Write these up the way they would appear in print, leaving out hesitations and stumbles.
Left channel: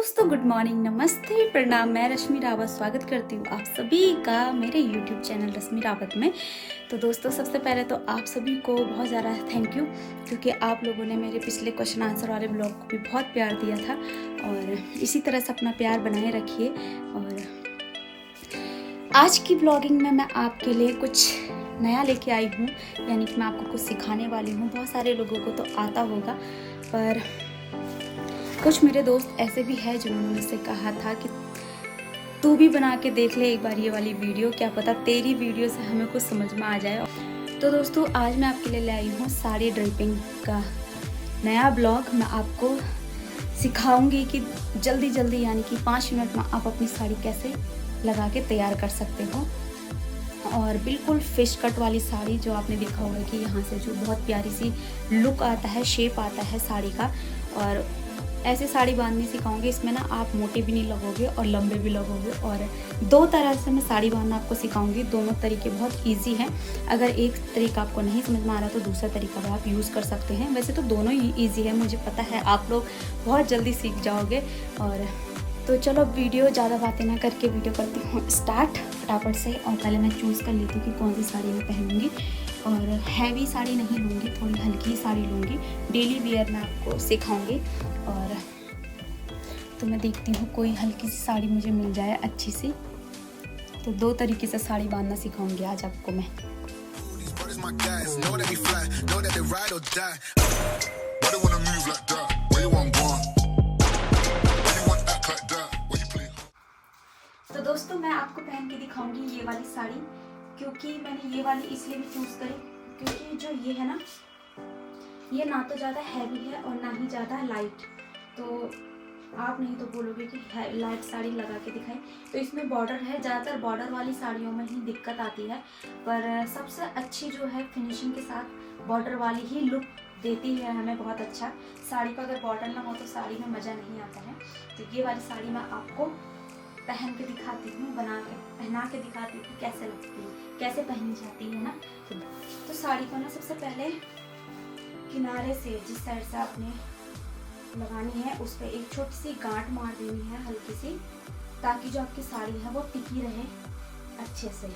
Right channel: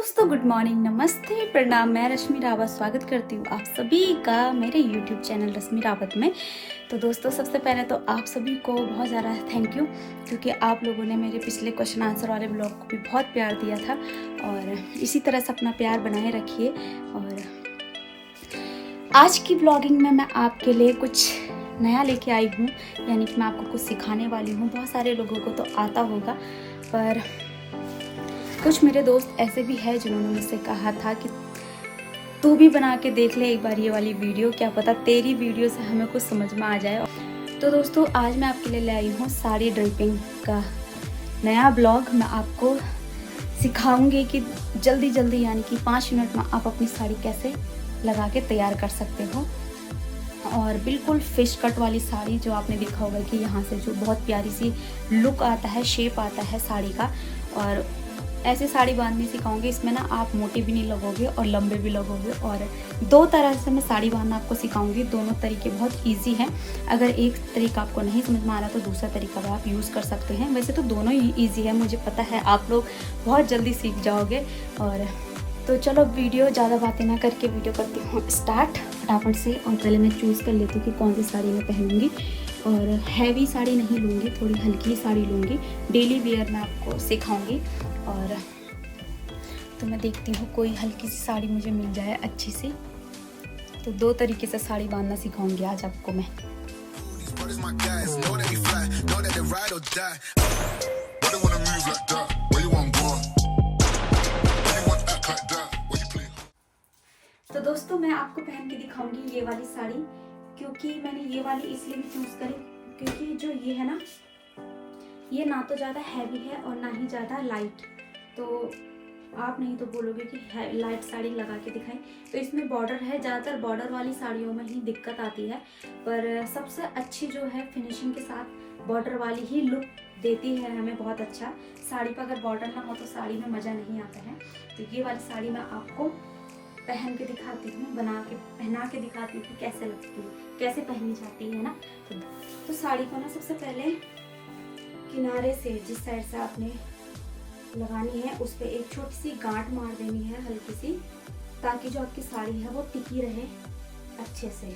दोस्तों, good morning, नमस्ते, प्रणाम। मैं रश्मि रावत स्वागत करती हूँ आप सभी का मेरे यूट्यूब चैनल रश्मि रावत में। तो दोस्तों, सबसे पहले तो आप सभी को बहुत ज़्यादा थैंक यू, क्योंकि आप लोगों ने मेरे पिछले क्वेश्चन आंसर वाले ब्लॉग को भी बहुत प्यार दिया था और इसी तरह से अपना प्यार बनाए रखिए। और आज की ब्लॉगिंग में मैं आपके लिए कुछ नया लेके आई हूँ, यानी कि मैं आपको कुछ सिखाने वाली हूँ। बहुत सारे लोगों को तो आता होगा, पर कुछ मेरे दोस्त ऐसे भी हैं जिन्होंने मुझसे कहा था कि तू भी बना के देख ले एक बार ये वाली वीडियो, क्या पता तेरी वीडियो से हमें कुछ समझ में आ जाए। तो दोस्तों, आज मैं आपके लिए ले आई हूँ साड़ी ड्रेपिंग का नया ब्लॉग। मैं आपको सिखाऊंगी कि जल्दी जल्दी, यानी कि 5 मिनट में आप अपनी साड़ी कैसे लगा के तैयार कर सकते हो। और बिल्कुल फिश कट वाली साड़ी, जो आपने देखा होगा कि यहाँ से जो बहुत प्यारी सी लुक आता है, शेप आता है साड़ी का। और ऐसे साड़ी बांधनी सिखाऊंगी, इसमें ना आप मोटे भी नहीं लगोगे और लंबे भी लगोगे। और 2 तरह से मैं साड़ी बांधना आपको सिखाऊंगी। दोनों तरीके बहुत इजी हैं। अगर एक तरीका आपको नहीं समझ में आ रहा तो दूसरा तरीका भी आप यूज़ कर सकते हैं। वैसे तो दोनों ही ईजी है, मुझे पता है आप लोग बहुत जल्दी सीख जाओगे। और तो चलो, वीडियो ज़्यादा बातें ना करके वीडियो करती हूँ स्टार्ट फटाफट से। और पहले मैं चूज़ कर लेती हूँ कि कौन सी साड़ी मैं पहनूंगी। और हैवी साड़ी नहीं लूँगी, थोड़ी हल्की साड़ी लूँगी। डेली वेयर मैं आपको सिखाऊंगी। और तो मैं देखती हूँ कोई हल्की सी साड़ी मुझे मिल जाए अच्छी सी। तो 2 तरीके से साड़ी बांधना सिखाऊंगी आज आपको मैं। तो दोस्तों, मैं आपको पहन के दिखाऊंगी ये वाली साड़ी, क्योंकि मैंने ये वाली इसलिए भी चूज़ करी क्योंकि जो ये है ना, ये ना तो ज़्यादा हैवी है और ना ही ज़्यादा लाइट। तो आप नहीं तो बोलोगे कि लाइट साड़ी लगा के दिखाएं। तो इसमें बॉर्डर है, ज़्यादातर बॉर्डर वाली साड़ियों में ही दिक्कत आती है, पर सबसे अच्छी जो है फिनिशिंग के साथ बॉर्डर वाली ही लुक देती है हमें बहुत अच्छा। साड़ी पर अगर बॉर्डर ना हो तो साड़ी में मज़ा नहीं आता है। तो ये वाली साड़ी मैं आपको पहन के दिखाती हूँ, पहना के दिखाती हूँ कि कैसे लगती है, कैसे पहनी जाती है ना। तो साड़ी को ना सबसे पहले किनारे से, जिस साइड से आपने लगानी है, उस पर एक छोटी सी गांठ मार देनी है हल्की सी, ताकि जो आपकी साड़ी है वो टिकी रहे अच्छे से।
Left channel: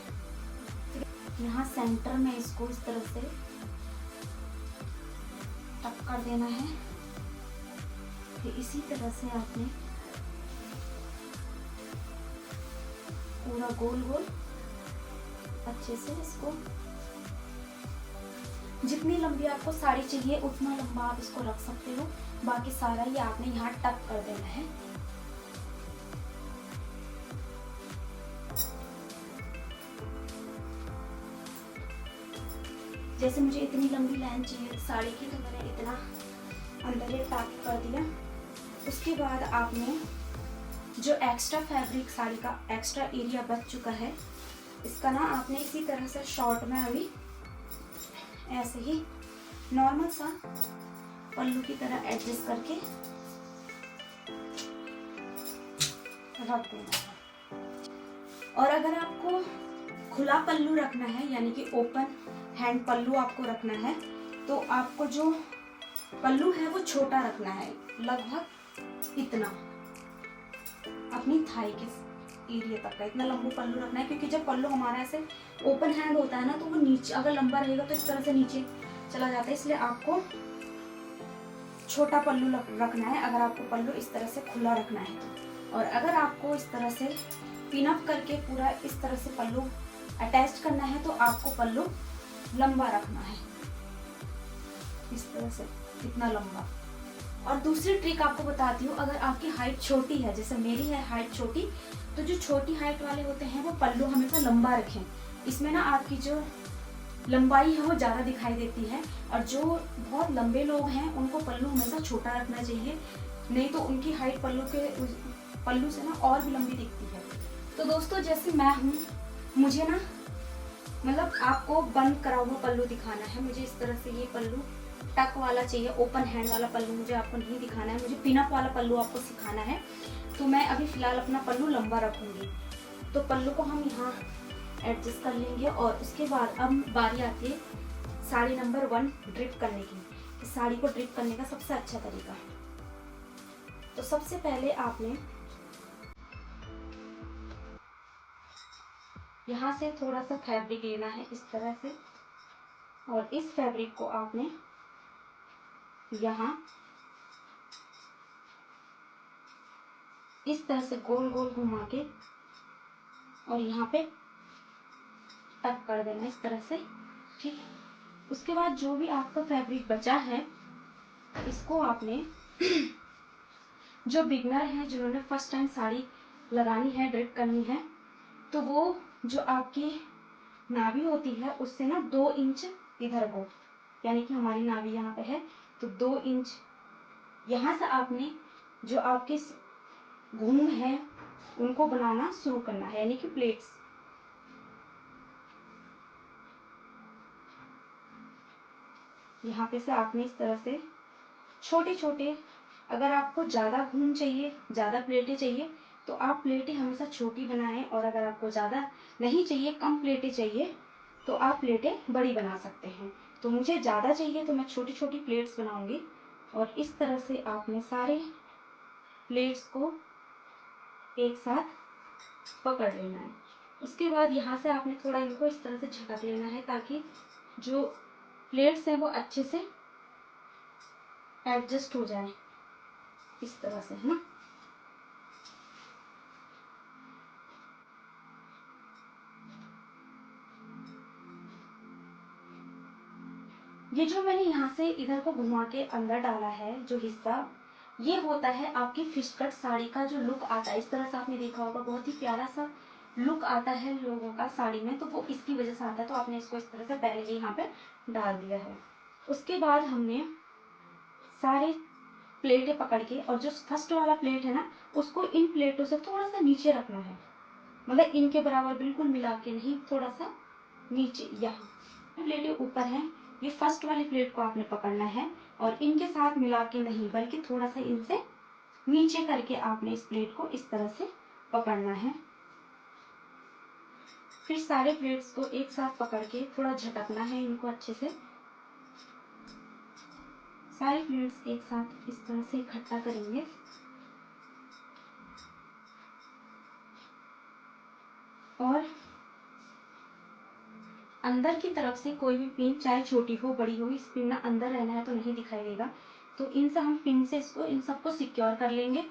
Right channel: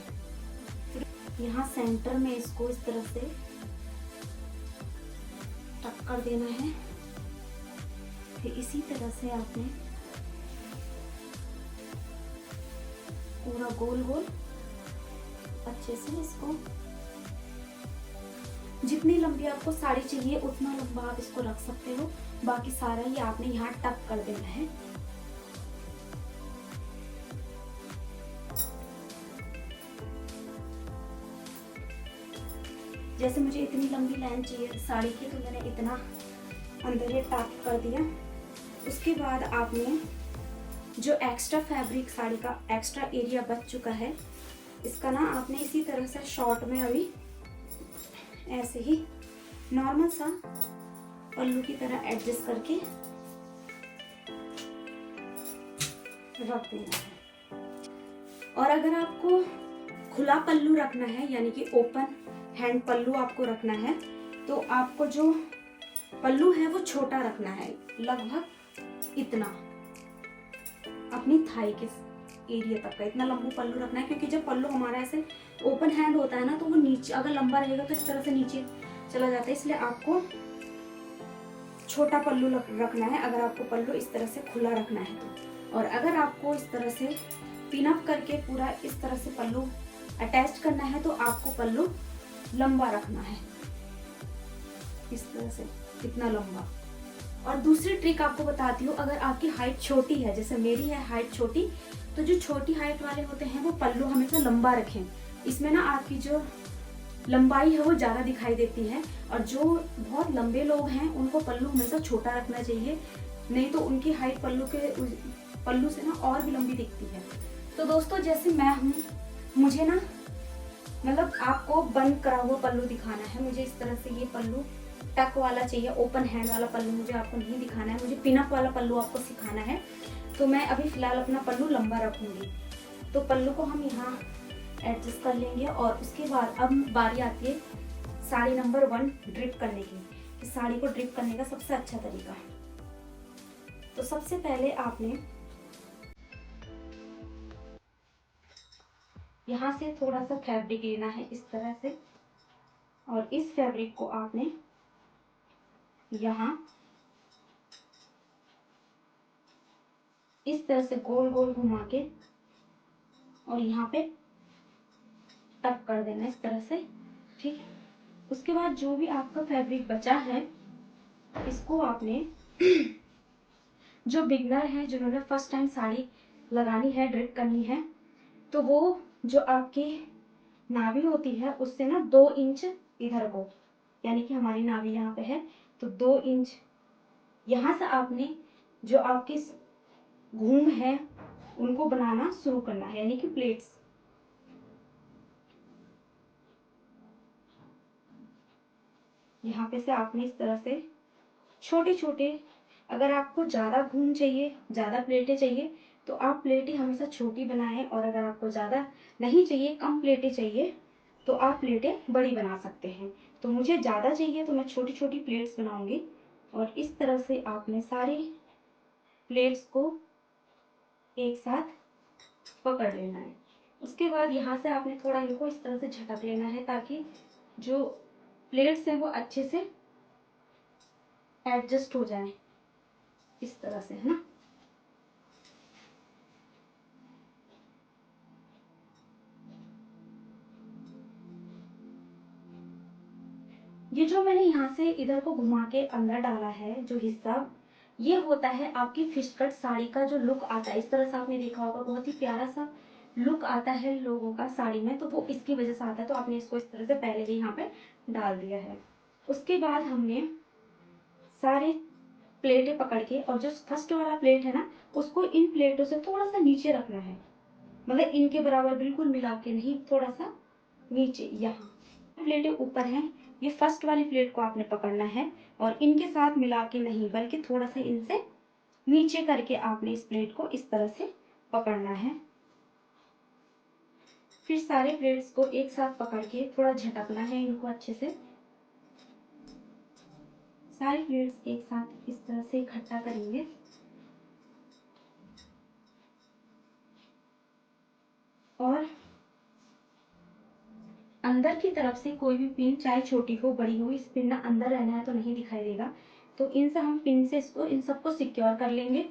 यहाँ सेंटर में इसको इस तरह से टक कर देना है। फिर इसी तरह से आपने पूरा गोल गोल अच्छे से इसको, जितनी लंबी आपको साड़ी चाहिए उतना लंबा आप इसको रख सकते हो। बाकी सारा ही आपने यहाँ टक कर देना है। जैसे मुझे इतनी लंबी लाइन चाहिए साड़ी की, तो मैंने इतना अंदर ये टक कर दिया। उसके बाद आपने जो एक्स्ट्रा फैब्रिक, साड़ी का एक्स्ट्रा एरिया बच चुका है, इसका ना आपने इसी तरह से शॉर्ट में अभी ऐसे ही नॉर्मल सा पल्लू की तरह एडजस्ट करके रख देना है। और अगर आपको खुला पल्लू रखना है, यानी कि ओपन हैंड पल्लू आपको रखना है, तो आपको जो पल्लू है वो छोटा रखना है, लगभग इतना, अपनी थाई के एरिया तक का इतना लंबा पल्लू रखना है। क्योंकि जब पल्लू हमारा ऐसे ओपन हैंड होता है ना, तो वो नीचे अगर लंबा रहेगा तो इस तरह से नीचे चला जाता है, इसलिए आपको छोटा पल्लू रखना है अगर आपको पल्लू इस तरह से खुला रखना है तो। और अगर आपको इस तरह से पिन अप करके पूरा इस तरह से पल्लू अटैच करना है, तो आपको पल्लू लंबा रखना है, इस तरह से इतना लंबा। और दूसरी ट्रिक आपको बताती हूँ, अगर आपकी हाइट छोटी है, जैसे मेरी है हाइट छोटी, तो जो छोटी हाइट वाले होते हैं वो पल्लू हमेशा लंबा रखें। इसमें ना आपकी जो लंबाई है वो ज़्यादा दिखाई देती है। और जो बहुत लंबे लोग हैं उनको पल्लू हमेशा छोटा रखना चाहिए, नहीं तो उनकी हाइट पल्लू से ना और भी लंबी दिखती है। तो दोस्तों, जैसे मैं हूँ, मुझे ना मतलब आपको बंद करा हुआ पल्लू दिखाना है। मुझे इस तरह से ये पल्लू टक वाला चाहिए, ओपन हैंड वाला पल्लू मुझे आपको नहीं दिखाना है। मुझे पिनअप वाला पल्लू आपको सिखाना है। तो मैं अभी फिलहाल अपना पल्लू लंबा रखूंगी। तो पल्लू को हम यहाँ एडजस्ट कर लेंगे। और उसके बाद अब बारी आती है साड़ी नंबर 1 ड्रिप करने की। साड़ी को ड्रिप करने का सबसे अच्छा तरीका, तो सबसे पहले आपने यहाँ से थोड़ा सा फैब्रिक लेना है इस तरह से, और इस फैब्रिक को आपने यहाँ इस तरह से गोल गोल घुमा के और यहाँ पे टक कर देना इस तरह से, ठीक। उसके बाद जो भी आपका फैब्रिक बचा है इसको आपने जो बिगनर है, जिन्होंने फर्स्ट टाइम साड़ी लगानी है, ड्रिप करनी है, तो वो जो आपकी नाभि होती है उससे ना 2 इंच इधर को, यानी कि हमारी नाभि यहाँ पे है तो 2 इंच यहाँ से आपने जो आपकी घूम है उनको बनाना शुरू करना है, यानी कि प्लेट्स। यहाँ पे से आपने इस तरह से छोटे छोटे, अगर आपको ज़्यादा घूम चाहिए, ज़्यादा प्लेटें चाहिए तो आप प्लेटें हमेशा छोटी बनाएं, और अगर आपको ज़्यादा नहीं चाहिए, कम प्लेटें चाहिए, तो आप प्लेटें बड़ी बना सकते हैं। तो मुझे ज़्यादा चाहिए तो मैं छोटी छोटी प्लेट्स बनाऊंगी, और इस तरह से आपने सारे प्लेट्स को एक साथ पकड़ लेना है। उसके बाद यहाँ से आपने थोड़ा इनको इस तरह से झटक लेना है ताकि जो प्लेट्स हैं वो अच्छे से एडजस्ट हो जाए, इस तरह से, है ना। ये जो मैंने यहाँ से इधर को घुमा के अंदर डाला है जो हिस्सा, ये होता है आपकी फिश कट साड़ी का जो लुक आता है। इस तरह से आपने देखा होगा, बहुत ही प्यारा सा लुक आता है लोगों का साड़ी में, तो वो इसकी वजह से आता है। तो आपने इसको इस तरह से पहले ही यहाँ पे डाल दिया है। उसके बाद हमने सारे प्लेटें पकड़ के, और जो फर्स्ट वाला प्लेट है ना, उसको इन प्लेटों से थोड़ा सा नीचे रखना है, मतलब इनके बराबर बिल्कुल मिला के नहीं, थोड़ा सा नीचे। यहाँ प्लेटें ऊपर हैं, ये फर्स्ट वाली प्लेट को आपने पकड़ना है, और इनके साथ मिला के नहीं, बल्कि थोड़ा सा इनसे नीचे करके आपने इस प्लेट को इस तरह से पकड़ना है। फिर सारे प्लेट्स को एक साथ पकड़ के थोड़ा झटकना है इनको अच्छे से। सारी प्लेट्स एक साथ इस तरह से इकट्ठा करेंगे, और अंदर की तरफ से कोई भी पिन, चाहे छोटी हो बड़ी हो, इस पिन ना अंदर रहना है तो नहीं दिखाई देगा, तो इनसे हम पिन से इसको, इन सबको सिक्योर कर लेंगे।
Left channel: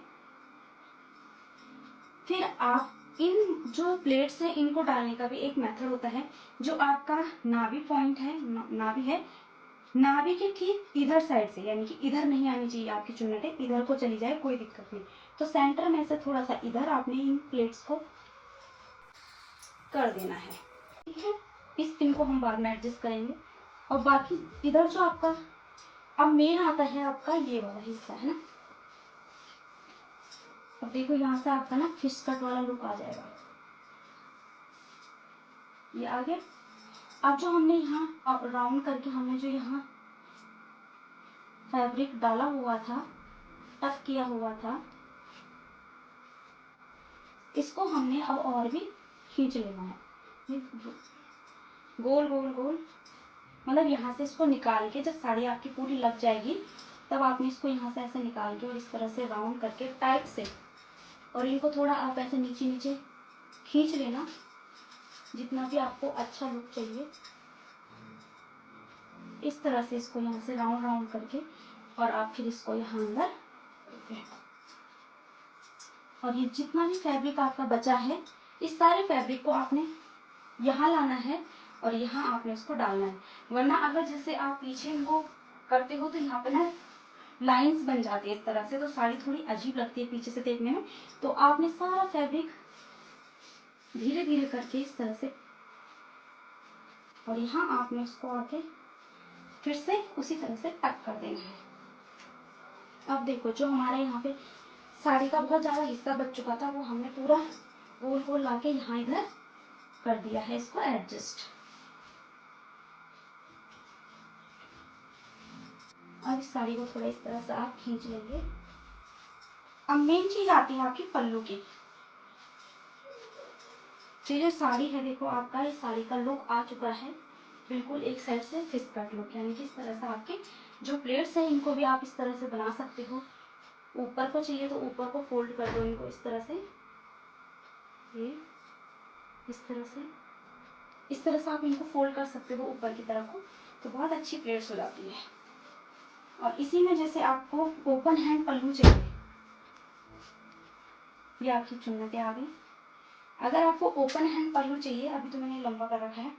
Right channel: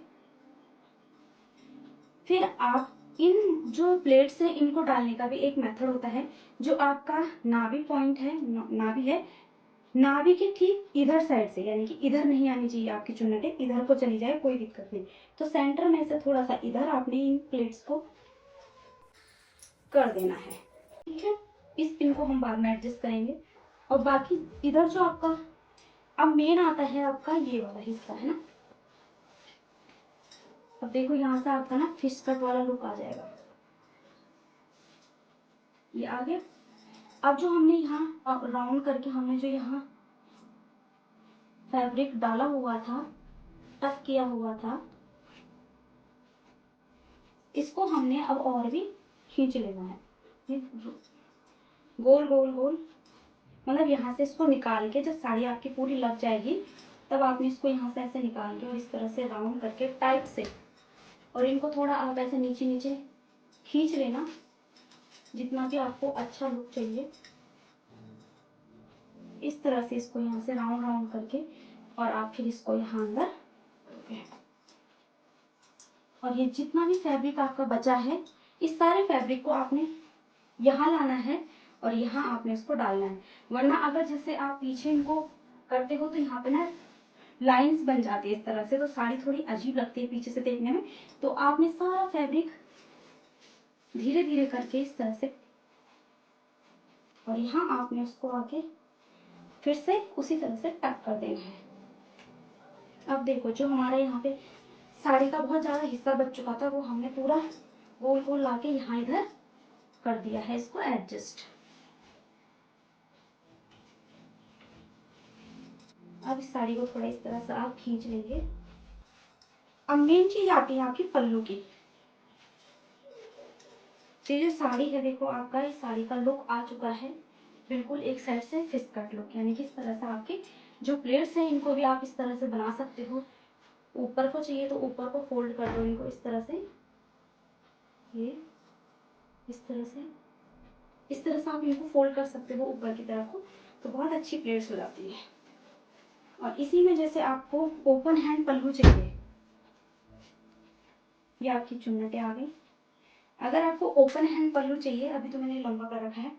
फिर आप इन जो प्लेट्स हैं इनको डालने का भी एक मेथड होता है। जो आपका नाभि पॉइंट है, नाभि है, नाभि के ठीक इधर साइड से, यानी कि इधर नहीं आनी चाहिए आपकी चुन्नटें, इधर को चली जाए कोई दिक्कत नहीं, तो सेंटर में से थोड़ा सा इधर आपने इन प्लेट्स को कर देना है, ठीक है। इस पिन को हम बाद में एडजस्ट करेंगे। और बाकी इधर जो आपका अब मेन आता है, आपका ये वाला हिस्सा है ना। अब देखो यहाँ से आपका ना फिश कट वाला लुक आ जाएगा, ये आ गया। अब जो हमने यहाँ राउंड करके हमने जो यहाँ फैब्रिक डाला हुआ था, टक किया हुआ था, इसको हमने अब और भी खींच लेना है, गोल गोल गोल, मतलब यहाँ से इसको निकाल के जब साड़ी आपकी पूरी लग जाएगी तब आपने इसको यहाँ से ऐसे निकाल के और इस तरह से राउंड करके टाइट से, और इनको थोड़ा आप ऐसे नीचे नीचे खींच लेना जितना भी आपको अच्छा लुक चाहिए। इस तरह से इसको यहाँ से राउंड राउंड करके, और आप फिर इसको यहाँ अंदर, और ये जितना भी फैब्रिक आपका बचा है, इस सारे फैब्रिक को आपने यहाँ लाना है और यहाँ आपने इसको डालना है। वरना अगर जैसे आप पीछे इनको करते हो तो यहाँ पे ना लाइंस बन जाती है इस तरह से, तो साड़ी थोड़ी अजीब लगती है पीछे से देखने में। तो आपने सारा फैब्रिक धीरे धीरे करके इस तरह से, और यहाँ आपने उसको आके फिर से उसी तरह से टक कर देना है। अब देखो जो हमारा यहाँ पे साड़ी का बहुत ज़्यादा हिस्सा बच चुका था, वो हमने पूरा गोल गोल ला के यहाँ इधर कर दिया है इसको एडजस्ट। अब इस साड़ी को थोड़ा इस तरह से आप खींच लेंगे। अब मेन चीज आती है आपकी पल्लू की। ये जो साड़ी है, देखो आपका इस साड़ी का लुक आ चुका है बिल्कुल एक साइड से फिश कट लुक, यानी कि इस तरह से आपके जो प्लेट्स हैं इनको भी आप इस तरह से बना सकते हो। ऊपर को चाहिए तो ऊपर को फोल्ड कर दो इनको इस तरह से, ये इस तरह से आप इनको फोल्ड कर सकते हो ऊपर की तरफ को, तो बहुत अच्छी प्लेट्स हो जाती है। और इसी में जैसे आपको ओपन हैंड पल्लू चाहिए, ये आपकी चुन्नटें आ गई। अगर आपको ओपन हैंड पल्लू चाहिए, अभी तो मैंने लंबा कर रखा है,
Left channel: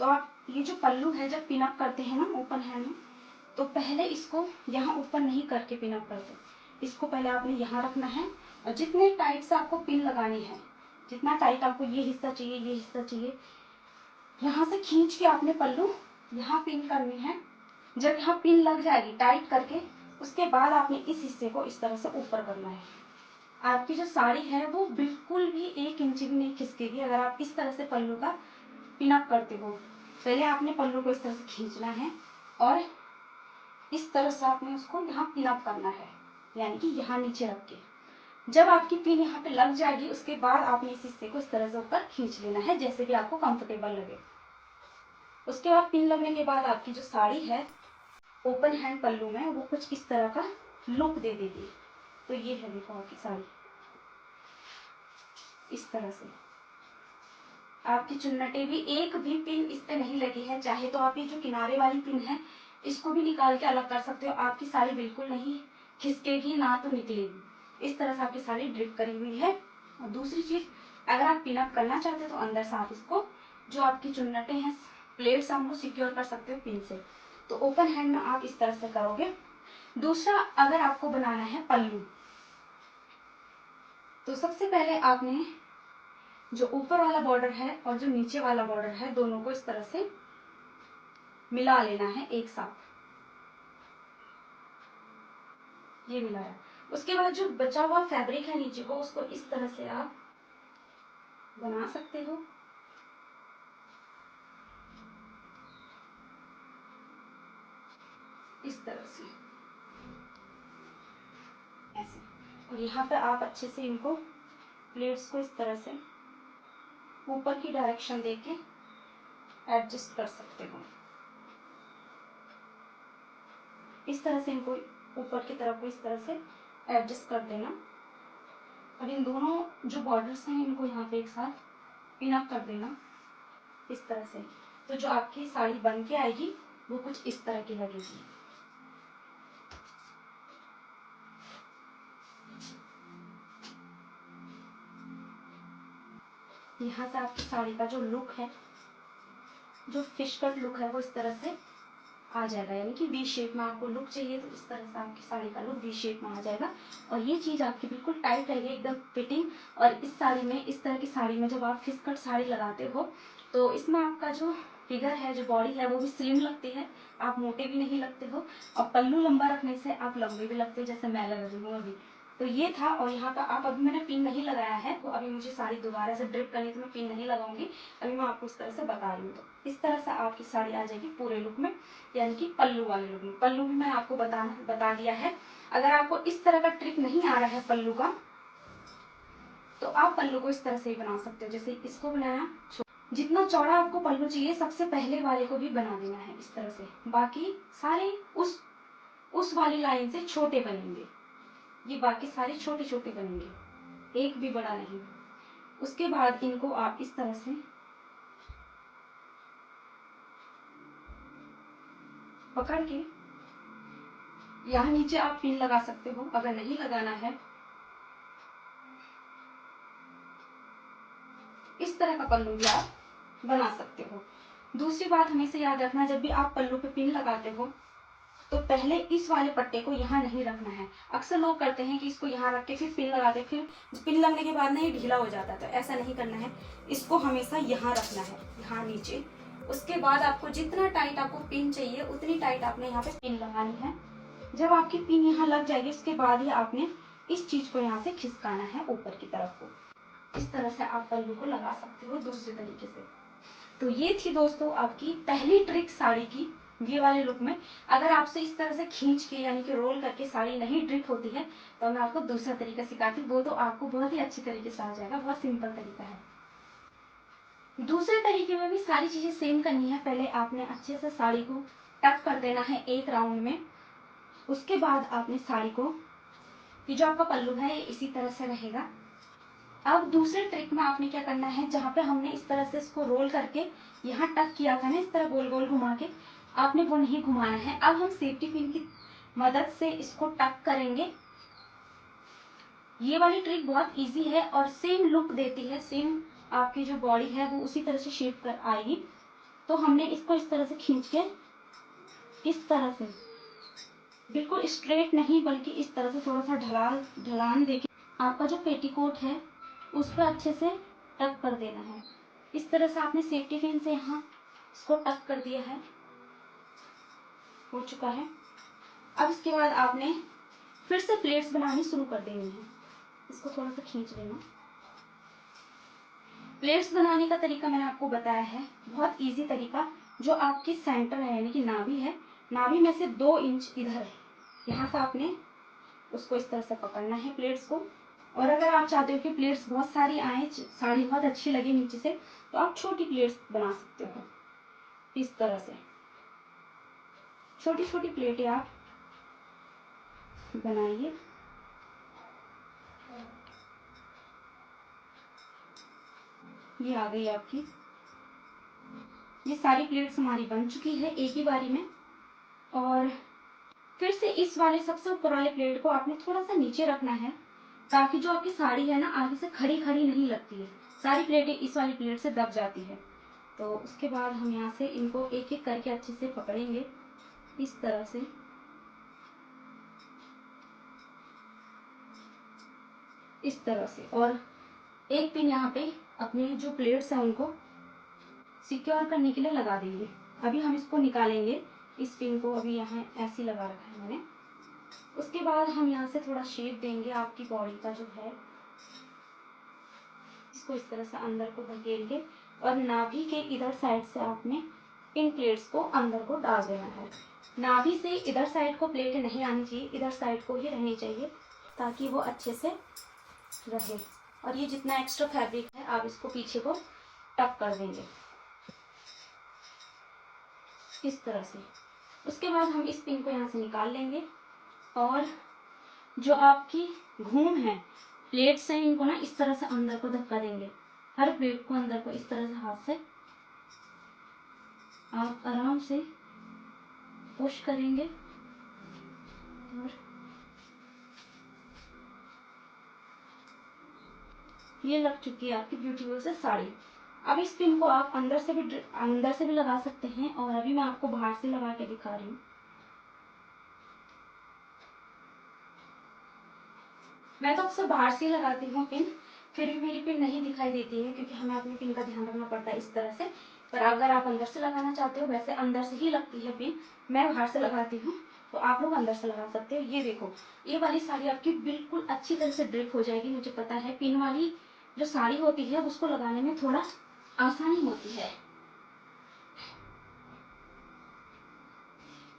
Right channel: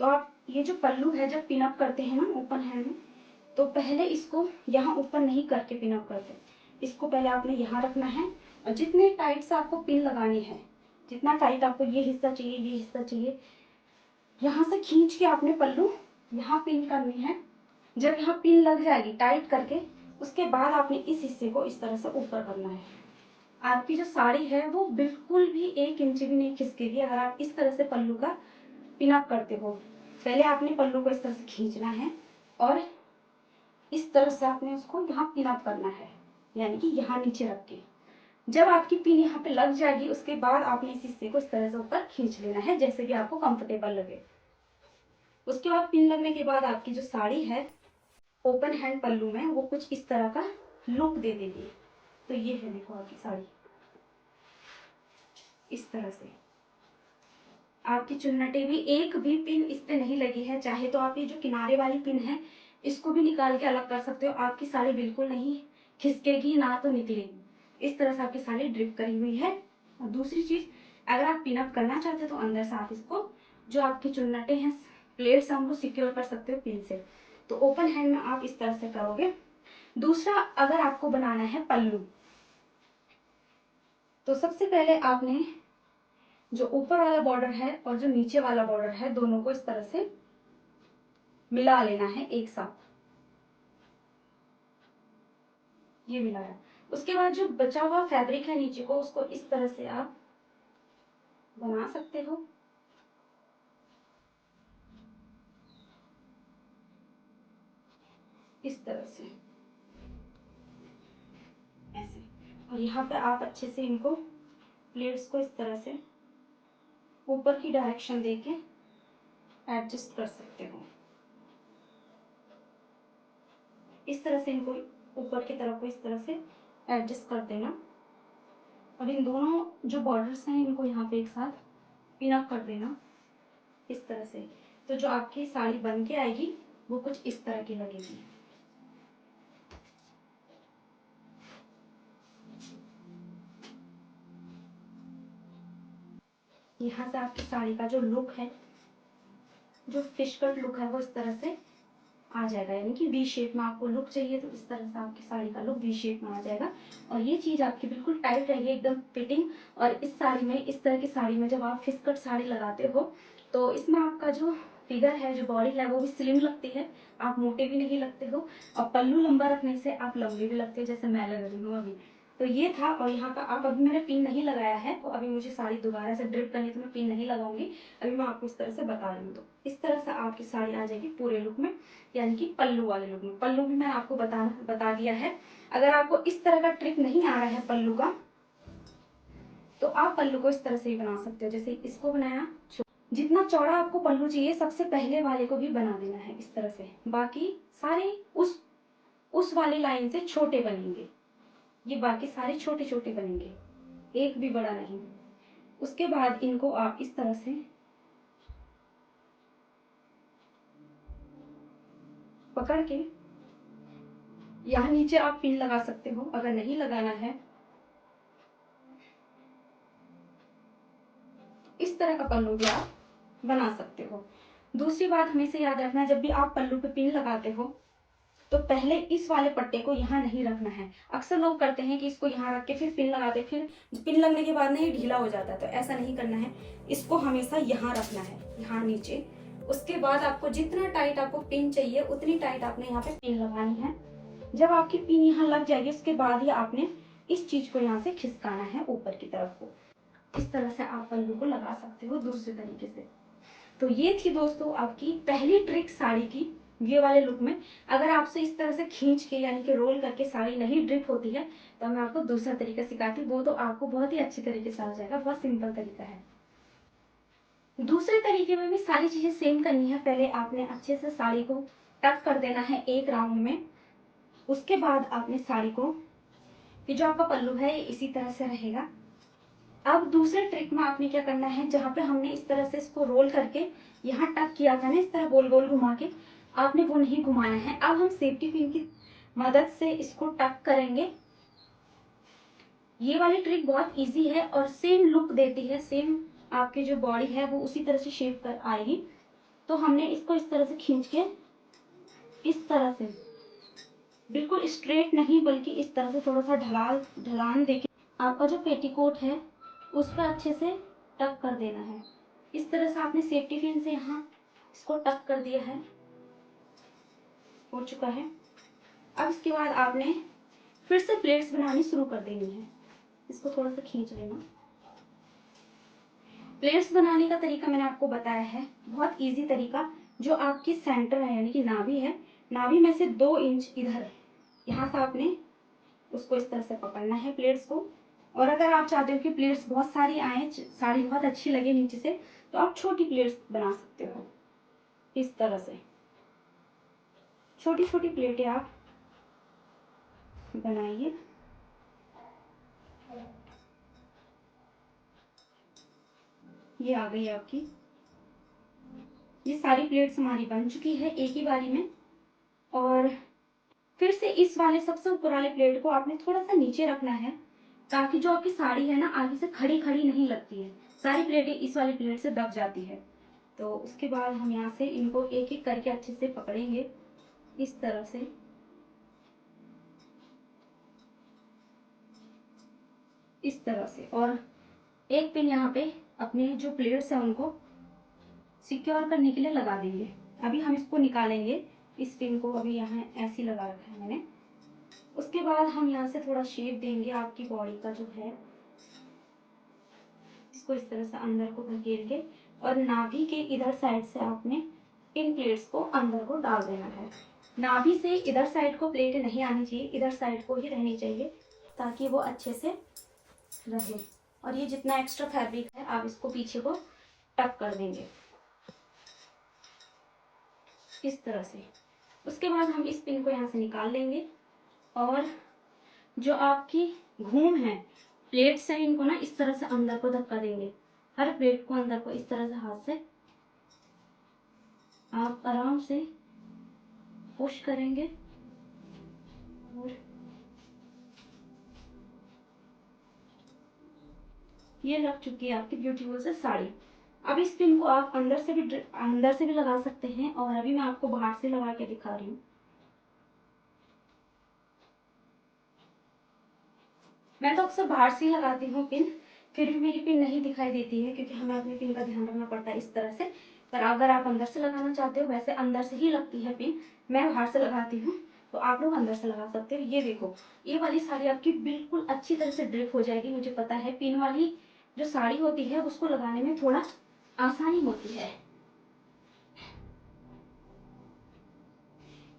तो आप ये जो पल्लू है जब पिन अप करते हैं ना ओपन हैंड में, तो पहले इसको यहाँ ऊपर नहीं करके पिन अप करते, इसको पहले आपने यहाँ रखना है और जितने टाइट से आपको पिन लगानी है, जितना टाइट आपको ये हिस्सा चाहिए, यहाँ से खींच के आपने पल्लू यहाँ पिन करनी है। जब यहाँ पिन लग जाएगी टाइट करके, उसके बाद आपने इस हिस्से को इस तरह से ऊपर करना है। आपकी जो साड़ी है वो बिल्कुल भी 1 इंच भी नहीं खिसकेगी अगर आप इस तरह से पल्लू का पिन अप करते हो। पहले आपने पल्लू को इस तरह से खींचना है और इस तरह से आपने उसको यहाँ पिन अप करना है, यानी कि यहाँ नीचे रख के। जब आपकी पिन यहाँ पे लग जाएगी, उसके बाद आपने इस हिस्से को इस तरह से ऊपर खींच लेना है, जैसे कि आपको कंफर्टेबल लगे। उसके बाद पिन लगने के बाद आपकी जो साड़ी है ओपन हैंड पल्लू में वो कुछ इस तरह का लुक दे देगी। तो ये है देखो आपकी साड़ी इस तरह से। आपकी चुन्नटें भी एक भी पिन इस पे नहीं लगी है, चाहे तो आप ये जो किनारे वाली पिन है इसको भी निकाल के अलग कर सकते हो, आपकी साड़ी बिल्कुल नहीं खिसकेगी ना तो निकलेगी। इस तरह से आपकी साड़ी ड्रिप करी हुई है। और दूसरी चीज, अगर आप पिन अप करना चाहते हो तो अंदर से आप इसको जो आपकी चुन्नटें हैं प्लेट्स हम लोग सिक्योर कर सकते हो पिन से। तो ओपन हैंड में आप इस तरह से करोगे। दूसरा, अगर आपको बनाना है पल्लू, तो सबसे पहले आपने जो ऊपर वाला बॉर्डर है और जो नीचे वाला बॉर्डर है दोनों को इस तरह से मिला लेना है एक साथ। ये मिलाया, उसके बाद जो बचा हुआ फैब्रिक है नीचे को, उसको इस तरह से आप बना सकते हो। इस तरह से ऐसे, और यहाँ पे आप अच्छे से इनको प्लेट्स को इस तरह से ऊपर की डायरेक्शन देके एडजस्ट कर सकते हो। इस तरह से इनको ऊपर की तरफ को इस तरह से एडजस्ट कर देना। और इन दोनों जो बॉर्डर्स हैं इनको यहाँ पे एक साथ पिन अप कर देना इस तरह से। तो जो आपकी साड़ी बन के आएगी वो कुछ इस तरह की लगेगी। यहाँ से आपकी साड़ी का जो लुक है, जो फिश कट लुक है, वो इस तरह से आ जाएगा, यानी कि वी शेप में आपको लुक चाहिए तो इस तरह से आपकी साड़ी का लुक वी शेप में आ जाएगा। और ये चीज़ आपकी बिल्कुल टाइट रहेगी, एकदम फिटिंग। और इस साड़ी में, इस तरह की साड़ी में जब आप फिश कट साड़ी लगाते हो तो इसमें आपका जो फिगर है, जो बॉडी है, वो भी स्लिम लगती है, आप मोटे भी नहीं लगते हो। और पल्लू लंबा रखने से आप लंबे भी लगते हो, जैसे मैं लग रही हूँ अभी। तो ये था। और यहाँ पर अब अभी मैंने पिन नहीं लगाया है, तो अभी मुझे साड़ी दोबारा से ड्रिप करनी, तो मैं पिन नहीं लगाऊंगी। अभी मैं आपको इस तरह से बता रही हूँ। तो इस तरह से आपकी साड़ी आ जाएगी पूरे लुक में, यानी कि पल्लू वाले लुक में। पल्लू भी मैंने आपको बता दिया है। अगर आपको इस तरह का ट्रिक नहीं आ रहा है पल्लू का, तो आप पल्लू को इस तरह से ही बना सकते हो, जैसे इसको बनाया। जितना चौड़ा आपको पल्लू चाहिए, सबसे पहले वाले को भी बना देना है इस तरह से। बाकी सारे उस वाली लाइन से छोटे बनेंगे, ये बाकी सारे छोटे छोटे बनेंगे, एक भी बड़ा नहीं। उसके बाद इनको आप इस तरह से पकड़ के यहाँ नीचे आप पिन लगा सकते हो। अगर नहीं लगाना है, इस तरह का पल्लू भी आप बना सकते हो। दूसरी बात हमेशा याद रखना है, जब भी आप पल्लू पे पिन लगाते हो तो पहले इस वाले पट्टे को यहाँ नहीं रखना है। अक्सर लोग करते हैं कि इसको यहाँ रख के फिर पिन लगाते, फिर पिन लगने के बाद ना ये ढीला हो जाता है, तो ऐसा नहीं करना है। इसको हमेशा यहाँ रखना है, यहाँ नीचे। उसके बाद आपको जितना टाइट आपको पिन चाहिए उतनी टाइट आपने यहाँ पे पिन लगानी है। जब आपकी पिन यहाँ लग जाएगी, उसके बाद ही आपने इस चीज को यहाँ से खिसकाना है ऊपर की तरफ को। इस तरह से आप पल्लू को लगा सकते हो दूसरे तरीके से। तो ये थी दोस्तों आपकी पहली ट्रिक साड़ी की, ये वाले लुक में। अगर आपसे इस तरह से खींच के, यानी कि रोल करके साड़ी नहीं ड्रिप होती है, तो मैं आपको दूसरा तरीका सिखाती हूँ। वो तो आपको बहुत ही अच्छी तरीके से आ जाएगा, बहुत सिंपल तरीका है। दूसरे तरीके में भी सारी चीजें सेम करनी है। पहले आपने अच्छे से साड़ी को टक कर देना है एक राउंड में। उसके बाद आपने साड़ी को कि जो आपका पल्लू है इसी तरह से रहेगा। अब दूसरे ट्रिक में आपने क्या करना है, जहाँ पे हमने इस तरह से इसको रोल करके यहाँ टक किया था ना, इस तरह गोल गोल घुमा के, आपने वो नहीं घुमाना है। अब हम सेफ्टी पिन की मदद से इसको टक करेंगे। ये वाली ट्रिक बहुत इजी है और सेम लुक देती है, सेम आपकी जो बॉडी है वो उसी तरह से शेप कर आएगी। तो हमने इसको इस तरह से खींच के, इस तरह से बिल्कुल स्ट्रेट नहीं बल्कि इस तरह से थोड़ा सा ढलान देके आपका जो पेटीकोट है उस पर अच्छे से टक कर देना है। इस तरह से आपने सेफ्टी पिन से यहाँ इसको टक कर दिया है, हो चुका है। अब इसके बाद आपने फिर से प्लेट्स बनानी शुरू कर देनी है। इसको थोड़ा सा खींच लेना। प्लेट्स बनाने का तरीका मैंने आपको बताया है, बहुत इजी तरीका। जो आपकी सेंटर है यानी कि नाभि है, नाभि में से 2 इंच इधर यहाँ से आपने उसको इस तरह से पकड़ना है प्लेट्स को। और अगर आप चाहते हो कि प्लेट्स बहुत सारी आए, साड़ी बहुत अच्छी लगे नीचे से, तो आप छोटी प्लेट्स बना सकते हो। इस तरह से छोटी छोटी प्लेटें आप बनाइए। ये आ गई आपकी, ये सारी प्लेट्स हमारी बन चुकी है एक ही बारी में। और फिर से इस वाले सबसे ऊपर वाले प्लेट को आपने थोड़ा सा नीचे रखना है, ताकि जो आपकी साड़ी है ना आगे से खड़ी खड़ी नहीं लगती है। सारी प्लेटें इस वाली प्लेट से दब जाती है। तो उसके बाद हम यहाँ से इनको एक एक करके अच्छे से पकड़ेंगे, इस तरह से। इस तरह से, और एक पिन यहाँ पे अपने जो प्लेट्स हैं उनको सिक्योर करने के लिए लगा देंगे। अभी हम इसको निकालेंगे, इस पिन को अभी यहाँ ऐसे लगा रखा है मैंने। उसके बाद हम यहाँ से थोड़ा शेप देंगे आपकी बॉडी का जो है, इसको इस तरह से अंदर को धकेलेंगे और नाभि के इधर साइड से आपने इन प्लेट्स को अंदर को डाल देना है। नाभि से इधर साइड को प्लेट नहीं आनी चाहिए, इधर साइड को ही रहनी चाहिए, ताकि वो अच्छे से रहे। और ये जितना एक्स्ट्रा फैब्रिक है आप इसको पीछे को टक कर देंगे इस तरह से। उसके बाद हम इस पिन को यहाँ से निकाल लेंगे और जो आपकी घूम है, प्लेट्स हैं, इनको ना इस तरह से अंदर को धक्का देंगे। हर प्लेट को अंदर को इस तरह से हाथ से आप आराम से पुश करेंगे। और ये लग चुकी है आपकी ब्यूटीफुल से साड़ी। अब इस पिन को आप अंदर से भी लगा सकते हैं, और अभी मैं आपको बाहर से लगा के दिखा रही हूँ। मैं तो अक्सर बाहर से ही लगाती हूँ पिन, फिर भी मेरी पिन नहीं दिखाई देती है, क्योंकि हमें अपनी पिन का ध्यान रखना पड़ता है इस तरह से। पर अगर आप अंदर से लगाना चाहते हो, वैसे अंदर से ही लगती है पिन, मैं बाहर से लगाती हूँ, तो आप लोग अंदर से लगा सकते हो। ये देखो, ये वाली साड़ी आपकी बिल्कुल अच्छी तरह से ड्रिप हो जाएगी। मुझे पता है पिन वाली जो साड़ी होती है उसको लगाने में थोड़ा आसानी होती है।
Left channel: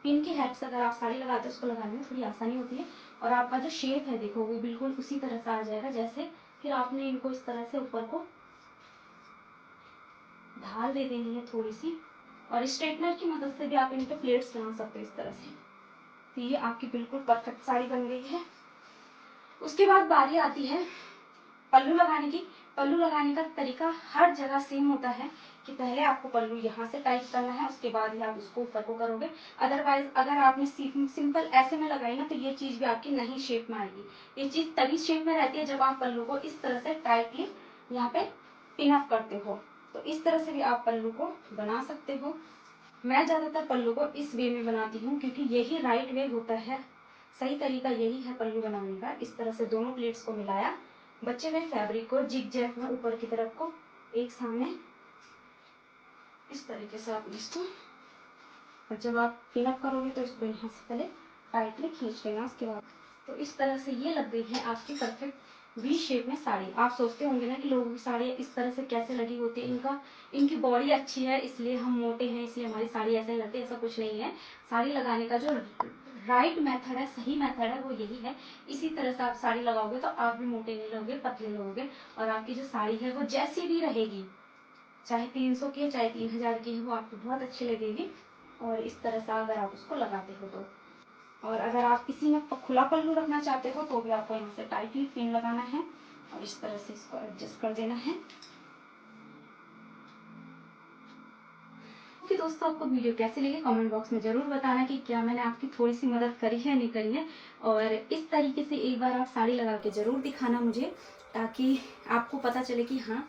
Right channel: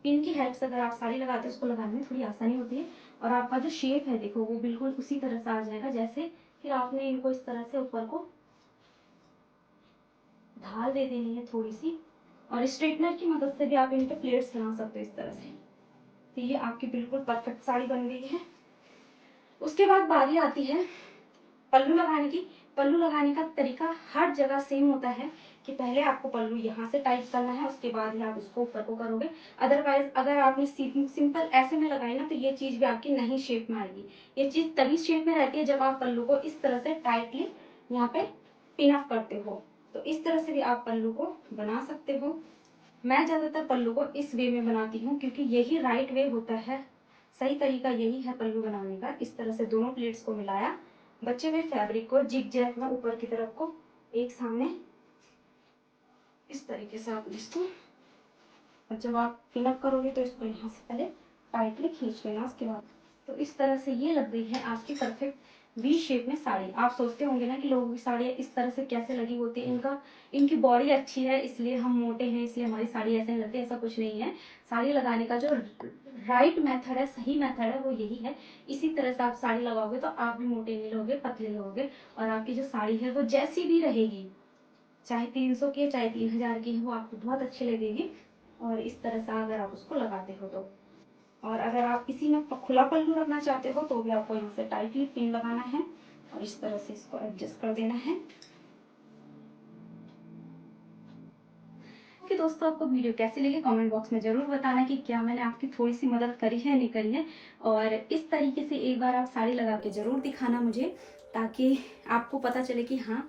पिन की हेल्प से अगर आप साड़ी लगाते हो, उसको लगाने में थोड़ी आसानी होती है। और आपका जो शेप है देखो, वो बिल्कुल उसी तरह से आ जाएगा जैसे। फिर आपने इनको इस तरह से ऊपर को ढाल दे देनी है थोड़ी सी, और स्ट्रेटनर की मदद से भी आप इन पे प्लेट्स बना सकते हो इस तरह से। तो ये आपकी बिल्कुल परफेक्ट साड़ी बन गई है। उसके बाद बारी आती है पल्लू लगाने की। पल्लू लगाने का तरीका हर जगह सेम होता है कि पहले आपको पल्लू यहाँ से टाइट करना है, उसके बाद ही आप इसको ऊपर को करोगे। अदरवाइज अगर आपने सिंपल ऐसे में लगाई ना, तो ये चीज भी आपकी नहीं शेप में आएगी। ये चीज तभी शेप में रहती है जब आप पल्लू को इस तरह से टाइटली यहाँ पे पिन अप करते हो। तो इस तरह से भी आप पल्लू को बना सकते हो। मैं ज्यादातर पल्लू को इस वे में बनाती हूँ, क्योंकि यही राइट वे होता है, सही तरीका यही है पल्लू बनाने का। इस तरह से दोनों प्लेट्स को मिलाया, बचे हुए फैब्रिक को जिग जैग में ऊपर की तरफ को एक सामने इस तरीके से आप इसको, और जब आप पिन अप करोगे तो इसको यहाँ से पहले टाइटली खींच लेना उसके बाद। तो इस तरह से ये लग गई है आपकी परफेक्ट वी शेप में साड़ी। आप सोचते होंगे ना कि लोगों की साड़ी इस तरह से कैसे लगी होती है, इनकी बॉडी अच्छी है इसलिए हम मोटे हैं इसलिए हमारी साड़ी ऐसे लगती है। ऐसा कुछ नहीं है। साड़ी लगाने का जो राइट मेथड है, सही मेथड है, वो यही है। इसी तरह से आप साड़ी लगाओगे तो आप भी मोटे नहीं लोगे, पतले लोगे, और आपकी जो साड़ी है वो जैसी भी रहेगी, चाहे 300 की है चाहे 3000 की है, वो आपको बहुत अच्छी लगेगी। और इस तरह से अगर आप उसको लगाते हो तो और अगर आप किसी में खुला पल्लू रखना चाहते हो तो भी आपको यहाँ से टाइटली पिन लगाना है और इस तरह से इसको एडजस्ट कर देना है। ओके दोस्तों, आपको वीडियो कैसी लगी कमेंट बॉक्स में ज़रूर बताना कि क्या मैंने आपकी थोड़ी सी मदद करी है नहीं करी है। और इस तरीके से एक बार आप साड़ी लगा के ज़रूर दिखाना मुझे, ताकि आपको पता चले कि हाँ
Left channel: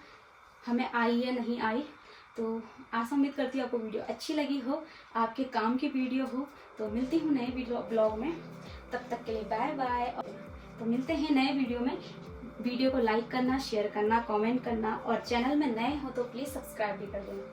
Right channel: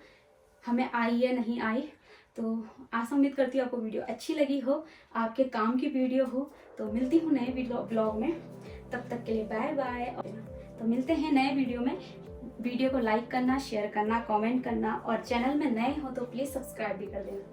हमें आई या नहीं आई। तो आशा उम्मीद करती हूँ आपको वीडियो अच्छी लगी हो, आपके काम की वीडियो हो। तो मिलती हूँ नए ब्लॉग में, तब तक के लिए बाय बाय। तो मिलते हैं नए वीडियो में। वीडियो को लाइक करना, शेयर करना, कमेंट करना और चैनल में नए हो तो प्लीज़ सब्सक्राइब भी कर देना।